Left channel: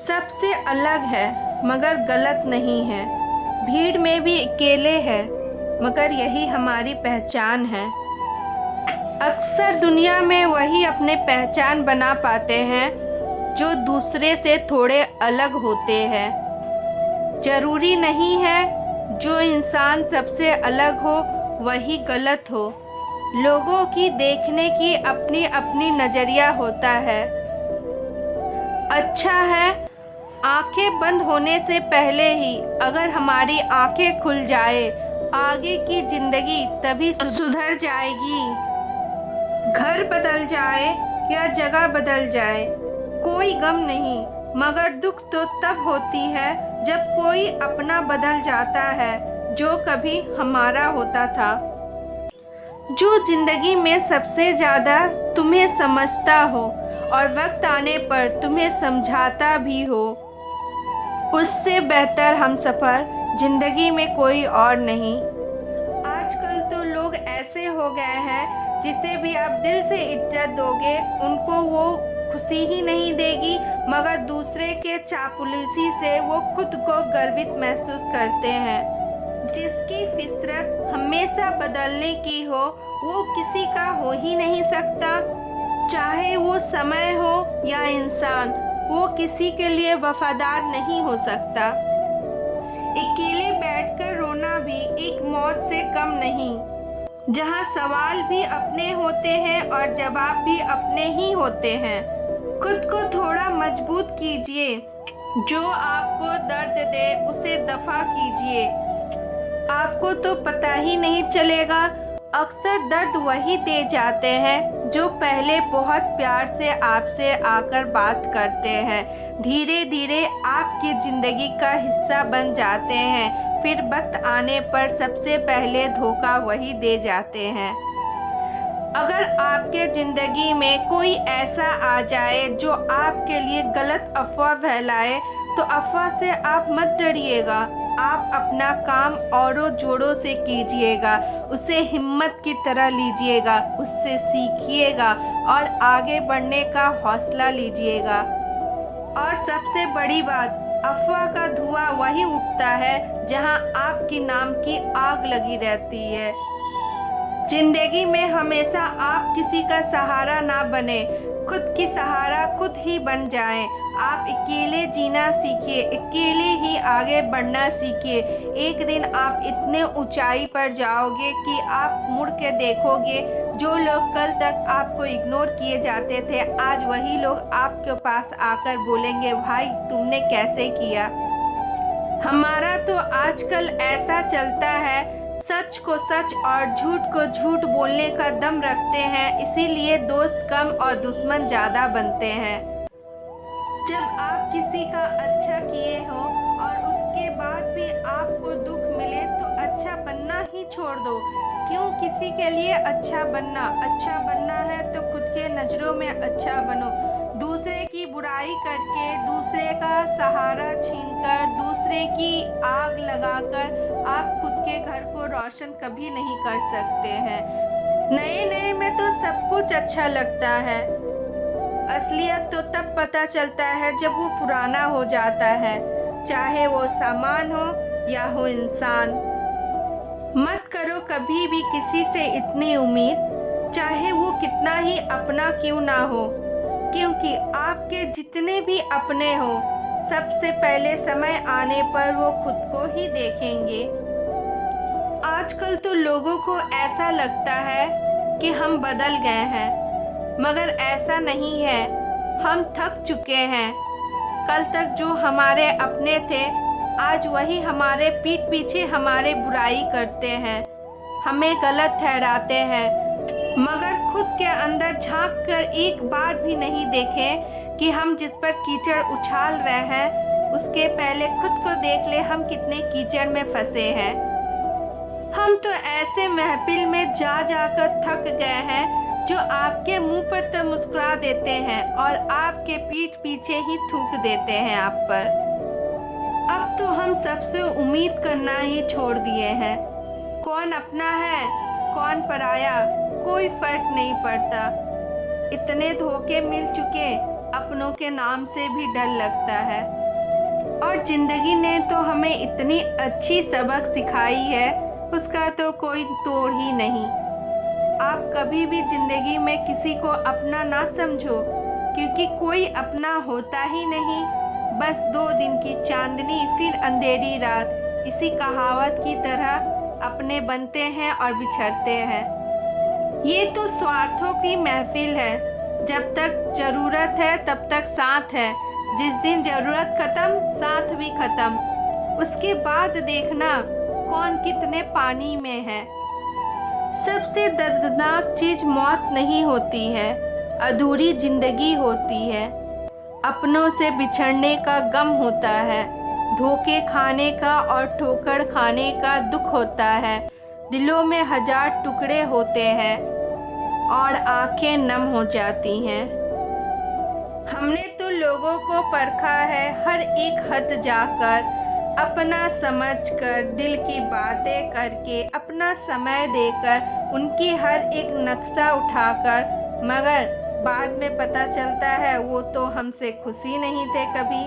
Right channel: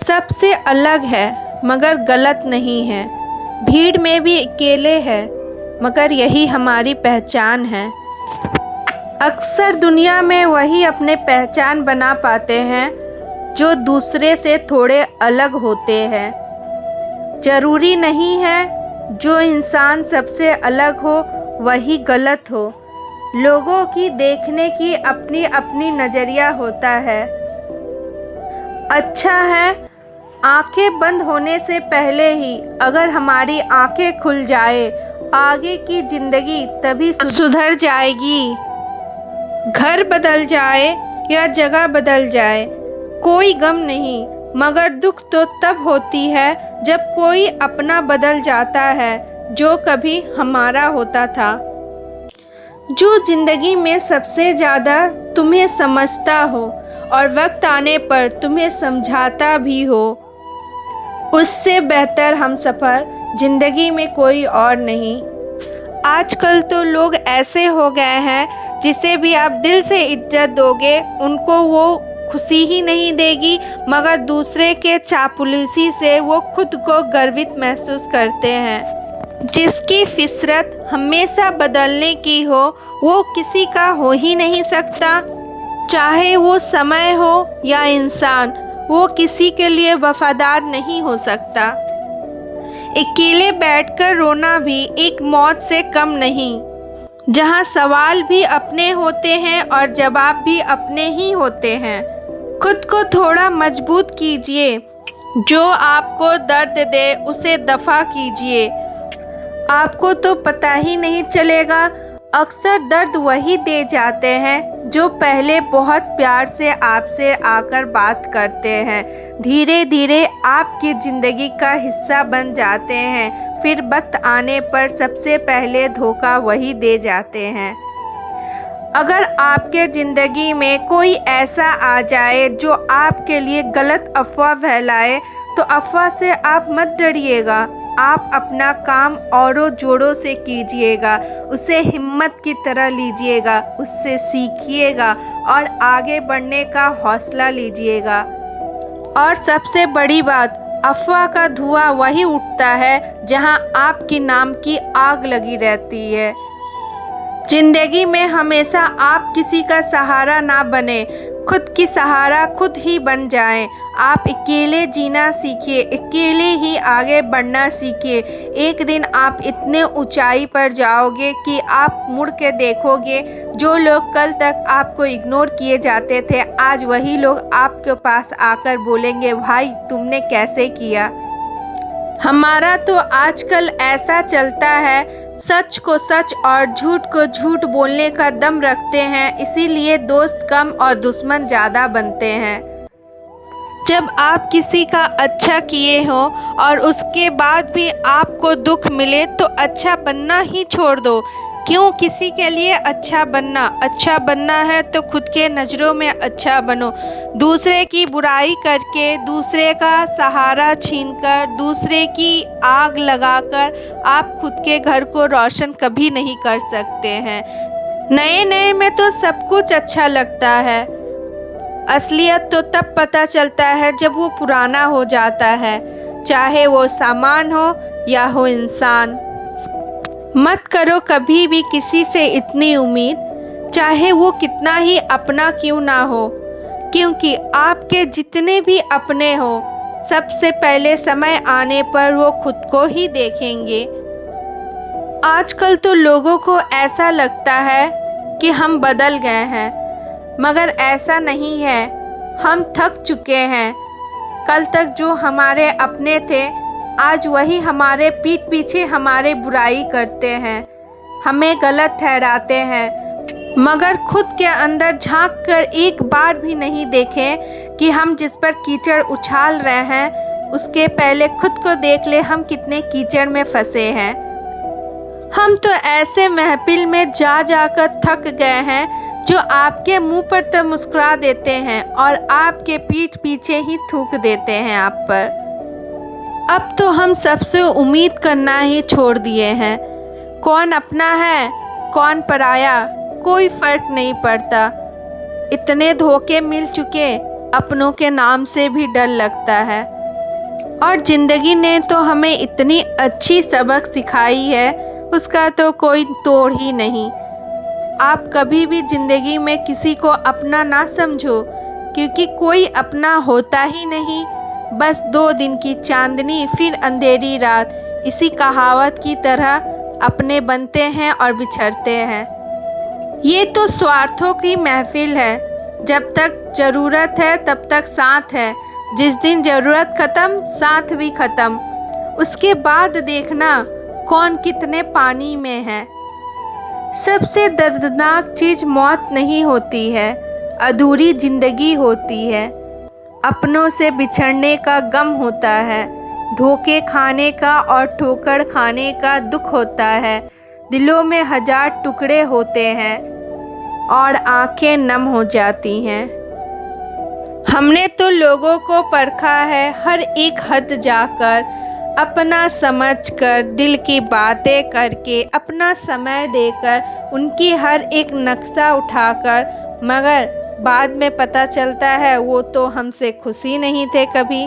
सबसे अलग है मगर गलत नहीं है। भीड़ में भी अकेले है मगर यही हमारी पहचान है। अक्सर दुनिया में वही अपने पहचान बना पाते हैं जो दूसरे से थोड़े अलग होते हैं। ज़रूरी नहीं है जो इंसान सबसे अलग हो वही गलत हो। लोगों की देखने की अपनी अपनी नज़रिया होता है। अच्छा है आंखें बंद होने से पहले ही अगर हमारी आंखें खुल जाए, आगे की ज़िंदगी तभी सुधर जाएगी। घर बदल जाए या जगह बदल जाए कोई गम नहीं, मगर दुख तो तब होती है जब कोई अपना बदल जाता है जो कभी हमारा होता था। जो ज़िंदगी में सबसे ज़्यादा तुम्हें समझता हो और वक्त आने पर तुम्हें समझाता भी हो, उससे बेहतर हमसफ़र ज़िंदगी में कोई और नहीं। आजकल तो लोग ऐसे हो गए हैं जिसे भी आप दिल से इज्जत दोगे उनको वो खुशी ही नहीं देगी, मगर दूसरे के चापलूसी से वो खुद को गर्वित महसूस करते हैं। जिसकी फितरत हमेशा बदलने की हो वो किसी का हो ही नहीं सकता। चाहे वो समय हो या इंसान, वो किसी के लिए वफादार नहीं हो सकता। अकेले बैठकर रोना भी एक मौत से कम नहीं, जहां सवाल भी अपने होते हैं और जवाब भी अपने ही होते हैं। खुद को थोड़ा मजबूत कीजिए, जो आपको दर्द दे उसे दफ़ा कीजिए। आपको तो पता ही नहीं चलेगा। अक्सर दर्द वही दे जाते हैं जो पहले बहुत प्यार से आपसे आकर बात करते हैं, धीरे धीरे आपकी ज़िंदगी का हिस्सा बन जाते हैं। फिर वक्त आने पर सबसे पहले धोखा वही दे जाते हैं। अगर आपके ज़िंदगी में कोई ऐसा आ जाए जो आपके लिए गलत अफवाह फैलाए, तो अफवाह से आप मत डरिएगा। आप अपना काम औरों जोरों से कीजिएगा, उसे हिम्मत की तरह लीजिएगा, उससे सीखिएगा और आगे बढ़ने का हौसला लीजिएगा। और सबसे बड़ी बात, अफवाह का धुआं वही उठता है जहां आपके नाम की आग लगी रहती है। जिंदगी में हमेशा आप किसी का सहारा ना बने, खुद की सहारा खुद ही बन जाएं। आप अकेले जीना सीखिए, अकेले ही आगे बढ़ना सीखिए। एक दिन आप इतने ऊंचाई पर जाओगे कि आप मुड़ के देखोगे जो लोग कल तक आपको इग्नोर किए जाते थे, आज वही लोग आपके पास आकर बोलेंगे, भाई तुमने कैसे किया। हमारा तो आजकल ऐसा चलता है, सच को सच और झूठ को झूठ बोलने का दम रखते हैं, इसीलिए दोस्त कम और दुश्मन ज़्यादा बनते हैं। जब आप किसी का अच्छा किए हो और उसके बाद भी आपको दुख मिले तो अच्छा बनना ही छोड़ दो। क्यों किसी के लिए अच्छा बनना है तो खुद के नज़रों में अच्छा बनो। दूसरे की बुराई करके, दूसरे का सहारा छीनकर, दूसरे की आग लगाकर आप खुद के घर को रोशन कभी नहीं कर सकते हैं। नए नए में तो सब कुछ अच्छा लगता है, असलियत तो तब पता चलता है जब वो पुराना हो जाता है, चाहे वो सामान हो या हो इंसान। मत करो कभी भी किसी से इतनी उम्मीद, चाहे वो कितना ही अपना क्यों ना हो, क्योंकि आपके जितने भी अपने हो सबसे पहले समय आने पर वो खुद को ही देखेंगे। आजकल तो लोगों को ऐसा लगता है कि हम बदल गए हैं, मगर ऐसा नहीं है। हम थक चुके हैं। कल तक जो हमारे अपने थे आज वही हमारे पीठ पीछे हमारे बुराई करते हैं, हमें गलत ठहराते हैं, मगर खुद के अंदर झांक कर एक बार भी नहीं देखें कि हम जिस पर कीचड़ उछाल रहे हैं उसके पहले खुद को देख ले हम कितने कीचड़ में फंसे हैं। हम तो ऐसे महफिल में जा जाकर थक गए हैं जो आपके मुंह पर तो मुस्कुरा देते हैं और आपके पीठ पीछे ही थूक देते हैं आप पर। अब तो हम सबसे उम्मीद करना ही छोड़ दिए हैं। कौन अपना है कौन पराया कोई फर्क नहीं पड़ता। इतने धोखे मिल चुके अपनों के नाम से भी डर लगता है। और ज़िंदगी ने तो हमें इतनी अच्छी सबक सिखाई है, उसका तो कोई तोड़ ही नहीं। आप कभी भी ज़िंदगी में किसी को अपना ना समझो, क्योंकि कोई अपना होता ही नहीं। बस 2 दिन की चांदनी फिर अंधेरी रात, इसी कहावत की तरह अपने बनते हैं और बिछड़ते हैं। ये तो स्वार्थों की महफिल है। जब तक ज़रूरत है तब तक साथ है, जिस दिन ज़रूरत ख़त्म साथ भी ख़त्म। उसके बाद देखना कौन कितने पानी में है। सबसे दर्दनाक चीज़ मौत नहीं होती है, अधूरी ज़िंदगी होती है। अपनों से बिछड़ने का गम होता है, धोखे खाने का और ठोकर खाने का दुख होता है। दिलों में 1000 टुकड़े होते हैं और आंखें नम हो जाती हैं। हमने तो लोगों को परखा है हर एक हद जाकर, अपना समझकर, दिल की बातें करके, अपना समय देकर, उनकी हर एक नक्शा उठाकर, मगर बाद में पता चलता है वो तो हमसे खुश ही नहीं थे कभी।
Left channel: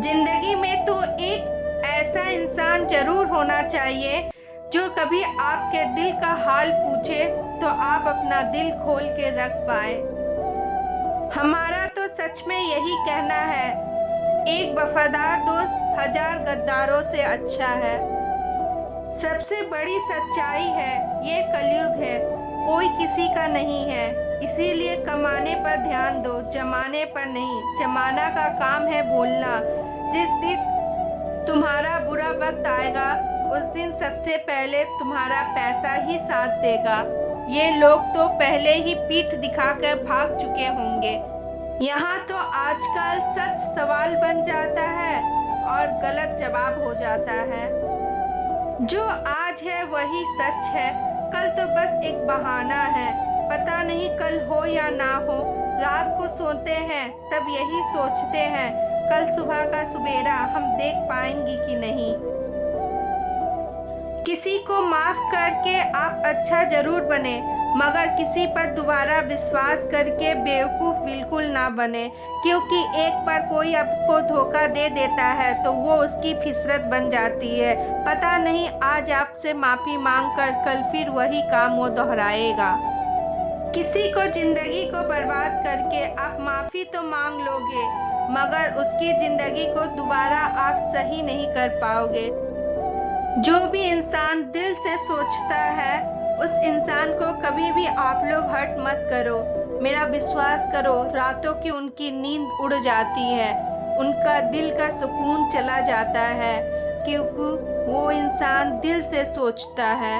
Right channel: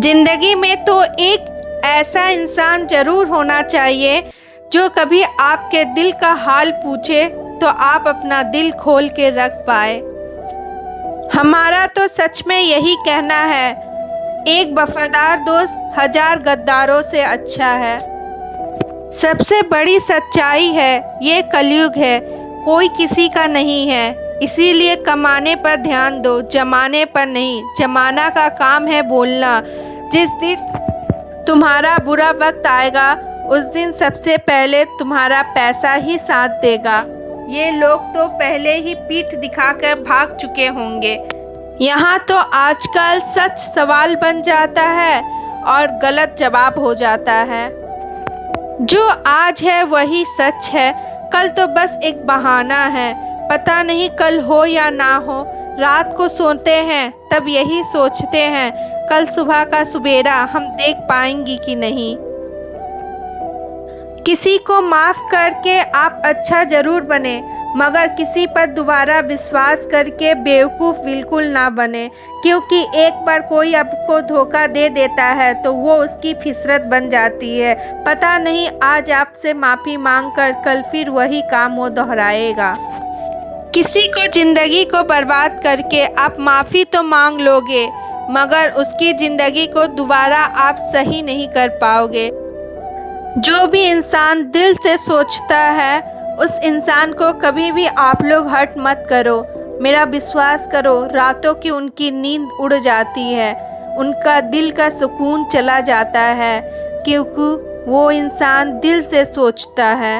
जिंदगी में तो एक ऐसा इंसान जरूर होना चाहिए जो कभी आपके दिल का हाल पूछे तो आप अपना दिल खोल के रख पाए। हमारा तो सच में यही कहना है, एक वफादार दोस्त 1000 गद्दारों से अच्छा है। सबसे बड़ी सच्चाई है ये कलयुग है, कोई किसी का नहीं है। इसीलिए कमाने पर ध्यान दो, जमाने पर नहीं। जमाना का काम है बोलना। जिस दिन तुम्हारा बुरा वक्त आएगा उस दिन सबसे पहले तुम्हारा पैसा ही साथ देगा। ये लोग तो पहले ही पीठ दिखाकर भाग चुके होंगे। यहाँ तो आजकल सच सवाल बन जाता है और गलत जवाब हो जाता है। जो आज है वही सच है, कल तो बस एक बहाना है। पता नहीं कल हो या ना हो। रात को सोते हैं तब यही सोचते हैं कल सुबह का सुबेरा हम देख पाएंगी कि नहीं। किसी को माफ़ करके आप अच्छा ज़रूर बने, मगर किसी पर दोबारा विश्वास करके बेवकूफ़ बिल्कुल ना बने। क्योंकि एक बार कोई आपको धोखा दे देता है तो वो उसकी फितरत बन जाती है। पता नहीं आज आपसे माफ़ी मांगकर कल फिर वही काम वो दोहराएगा। किसी को ज़िंदगी को बर्बाद करके आप माफ़ी तो मांग लोगे, मगर उसकी ज़िंदगी को दोबारा आप सही नहीं कर पाओगे। जो भी इंसान दिल से सोचता है उस इंसान को कभी भी आप लोग हर्ट मत करो। मेरा विश्वास करो, रातों की उनकी नींद उड़ जाती है, उनका दिल का सुकून चला जाता है, क्योंकि वो इंसान दिल से सोचता है।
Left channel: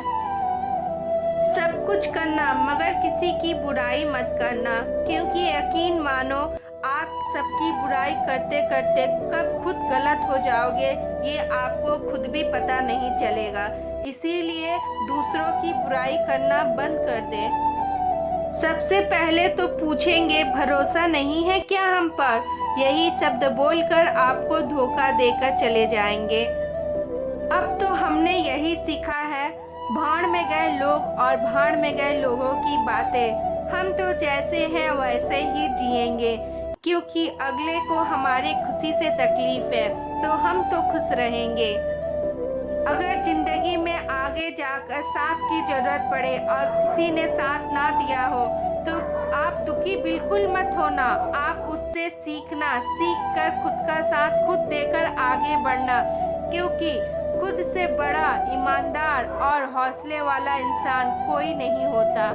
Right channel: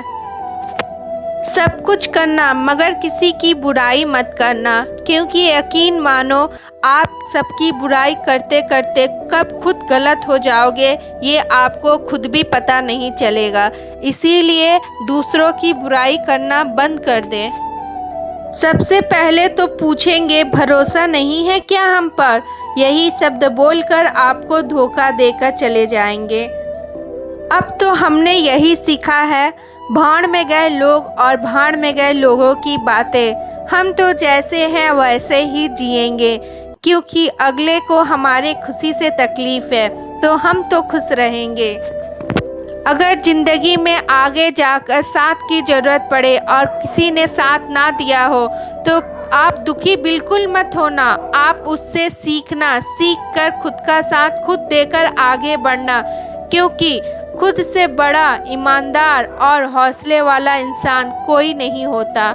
सब कुछ करना मगर किसी की बुराई मत करना, क्योंकि यकीन मानो आप सबकी बुराई करते करते कब खुद गलत हो जाओगे ये आपको खुद भी पता नहीं चलेगा। इसीलिए दूसरों की बुराई करना बंद कर दें। सबसे पहले तो पूछेंगे भरोसा नहीं है क्या हम पर, यही शब्द बोलकर आपको धोखा देकर चले जाएंगे। अब तो हमने यही सीखा है, भाड़ में गए लोग और भाड़ में गए लोगों की बातें। हम तो जैसे हैं वैसे ही जिएंगे, क्योंकि अगले को हमारे खुशी से तकलीफ़ है तो हम तो खुश रहेंगे। अगर ज़िंदगी में आगे जाकर साथ की ज़रूरत पड़े और किसी ने साथ ना दिया हो तो आप दुखी बिल्कुल मत होना। आप उससे सीखना, सीख कर खुद का साथ खुद देकर आगे बढ़ना, क्योंकि खुद से बड़ा, ईमानदार और हौसले वाला इंसान कोई नहीं होता।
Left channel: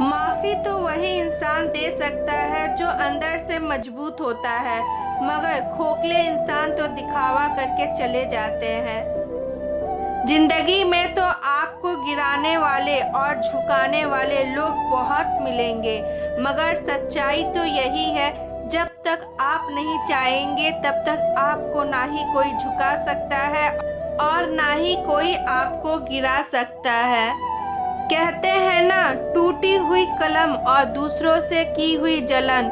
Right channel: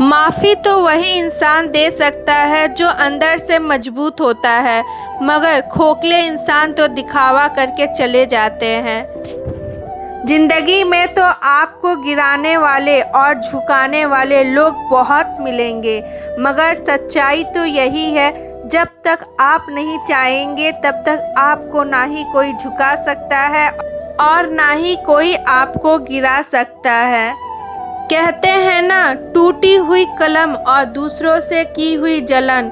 माफ़ी तो वही इंसान दे सकता है जो अंदर से मजबूत होता है, मगर खोखले इंसान तो दिखावा करके चले जाते हैं। जिंदगी में तो आपको गिराने वाले और झुकाने वाले लोग बहुत मिलेंगे, मगर सच्चाई तो यही है, जब तक आप नहीं चाहेंगे तब तक आपको ना ही कोई झुका सकता है और ना ही कोई आपको गिरा सकता है। कहते हैं ना, टूटी हुई कलम और दूसरों से की हुई जलन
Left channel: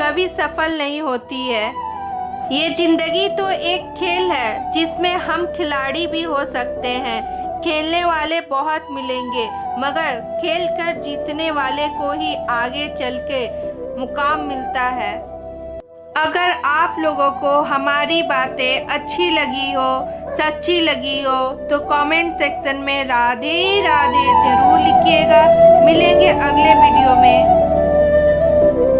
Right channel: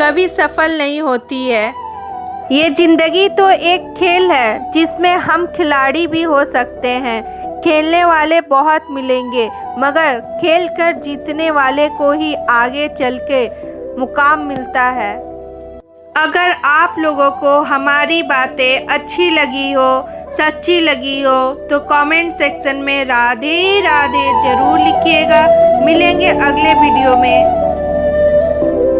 कभी सफल नहीं होती है। ये ज़िंदगी तो एक खेल है जिसमें हम खिलाड़ी भी हो सकते हैं। खेलने वाले बहुत मिलेंगे, मगर खेल कर जीतने वाले को ही आगे चल के मुकाम मिलता है। अगर आप लोगों को हमारी बातें अच्छी लगी हो, सच्ची लगी हो तो कमेंट सेक्शन में राधे राधे जरूर लिखिएगा। मिलेंगे अगले वीडियो में।